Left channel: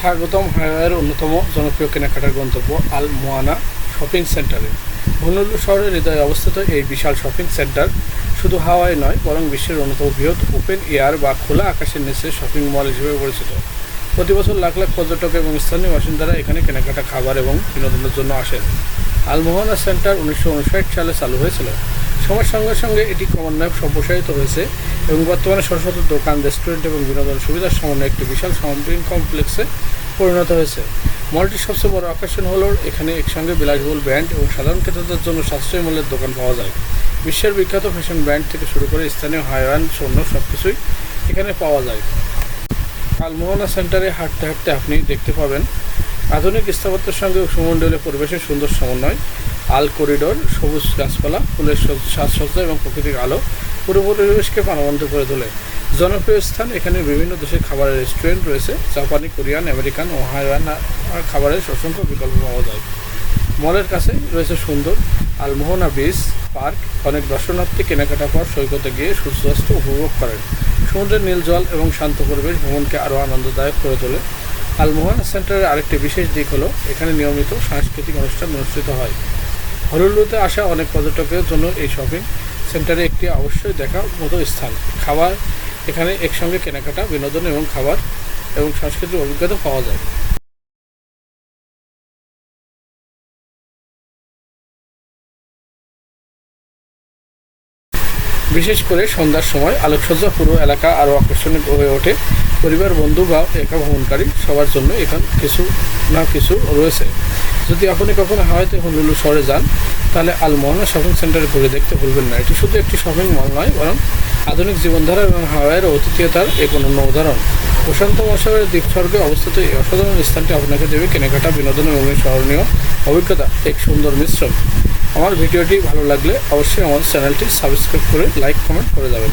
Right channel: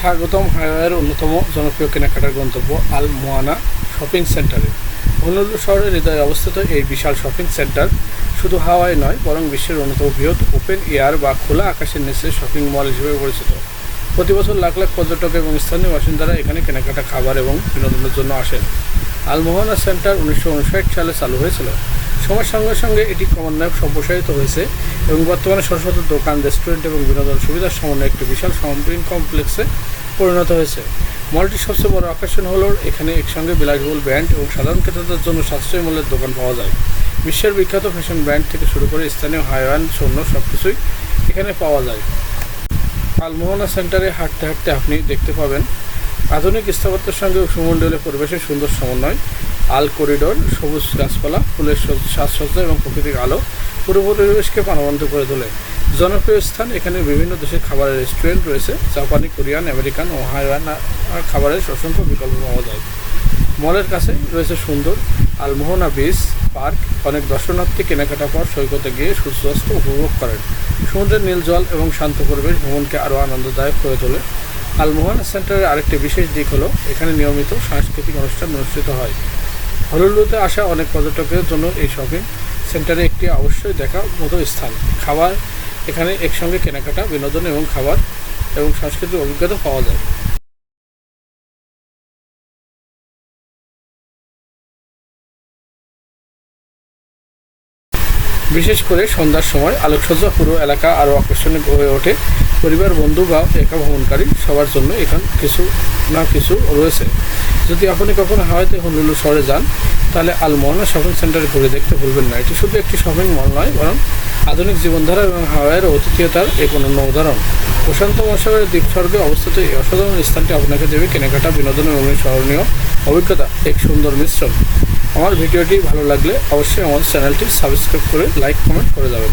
স্বাগতম হাওয়াইয়ের অন্যতম জনপ্রিয় কেনাকাটার গন্তব্য আল মোয়ানা শপিং সেন্টারে। হনুলুলু শহরের হৃদয়ে অবস্থিত এই বিশাল শপিং সেন্টার শুধু হাওয়াই নয়, বরং বিশ্বের অন্যতম বৃহৎ ওপেন এয়ার বা খোলা আকাশের নিচে শপিং মল হিসেবে পরিচিত। প্রতি বছর লাখ লাখ পর্যটক এবং স্থানীয় বাসিন্দারা এখানে কেনাকাটা, খাবার এবং বিনোদনের জন্য আসেন। আল মোহানা সেন্টার 1959 সালে চালু হয়েছিল। সময়ের সঙ্গে সঙ্গে এটি ক্রমান্বয়ে সম্প্রসারিত হয়েছে এবং বর্তমানে শত শত দোকান, রেস্টুরেন্ট এবং বিনোদন সুবিধার সমন্বয়ে একটি বিশাল শপিং কমপ্লেক্সে পরিণত হয়েছে। মলটির সবচেয়ে বড় আকর্ষণ হল এখানে একসঙ্গে বিলাসবহুল ব্র্যান্ড এবং সাধারণ ক্রেতাদের জন্য সাশ্রয়ী মূল্যের দোকান পাওয়া যায়। বিশ্বের বিখ্যাত ফ্যাশন ব্র্যান্ড থেকে শুরু করে স্থানীয় হাওয়াইয়ান পণ্য সবকিছুই এখানে পাওয়া যায়। আল মোহানা সেন্টারে হাঁটতে হাঁটতে আপনি দেখতে পাবেন আধুনিক স্থাপত্যের সঙ্গে সুমণ্ডলীয় পরিবেশের সুন্দর সমন্বয়। আল করিডোর, সবুজ গাছপালা, ফুলের সাজসজ্জা এবং প্রাকৃতিক আলো পুরো পরিবেশকে প্রাণবন্ত করে তোলে। জনপ্রিয় স্থান, এখানে বিভিন্ন দেশের খাবারের রেস্টুরেন্ট রয়েছে। জাপানি, কোরিয়ান, আমেরিকান ও হাওয়াইয়ান খাবারের অসংখ্য বিকল্প পাওয়া যায়। মলের কাছে রয়েছে সুন্দর আল মোহানা বিচ পার্ক। অনেক দর্শনার্থী কেনাকাটা পর সৈকতে গিয়ে সূর্যাস্ত উপভোগ করেন। সমুদ্রের নীল জল এবং শান্ত পরিবেশ ভ্রমণকে আরও আনন্দদায়ক করে তোলে। আল মোহানা সেন্টারের আরেকটি বিশেষ দিক হলো এখানে নিয়মিত সাংস্কৃতিক অনুষ্ঠান অনুষ্ঠিত হয়। হনুলুলুতে আসা অনেক পর্যটকের জন্য এই শপিং সেন্টারে একটি অবশ্যই দেখার মতো স্থান। খাবার, এখানে একসঙ্গে কেনাকাটা, বিনোদন এবং খাবার এবং সাংস্কৃতিক অভিজ্ঞতা পাওয়া যায়। বিশেষ করে সন্ধ্যার সময় আলোকসজ্জা পুরো এলাকা আরও আকর্ষণীয় হয়ে ওঠে। পরিবার, বন্ধু বা একা ভ্রমণকারী সবার জন্য এখানে কিছু না কিছু রয়েছে। যদি আপনি কখনো হাওয়াইতে হনুলুলু শহরে যান, তাহলে আল মোহানা শপিং সেন্টারে ঘুরে দেখতে ভুলবেন না। এটি শুধু একটি শপিং মল নয়, বরং আধুনিক জীবনধারা এবং হাওয়াইয়ের অতিথিয়তার এক অনন্য উদাহরণ। প্রশান্ত মহাসাগরের দ্বীপস্বর্গে অবস্থিত এই অসাধারণ স্থানটি আপনাকে দেবে কেনাকাটা, বিনোদন এবং স্মরণীয় অভিজ্ঞতা এক সুন্দর মিশ্রণ। আমার ভিডিওটি ভালো লাগলে অবশ্যই আমাদের চ্যানেলটি সাবস্ক্রাইব করে লাইক, কমেন্ট করে যাবেন।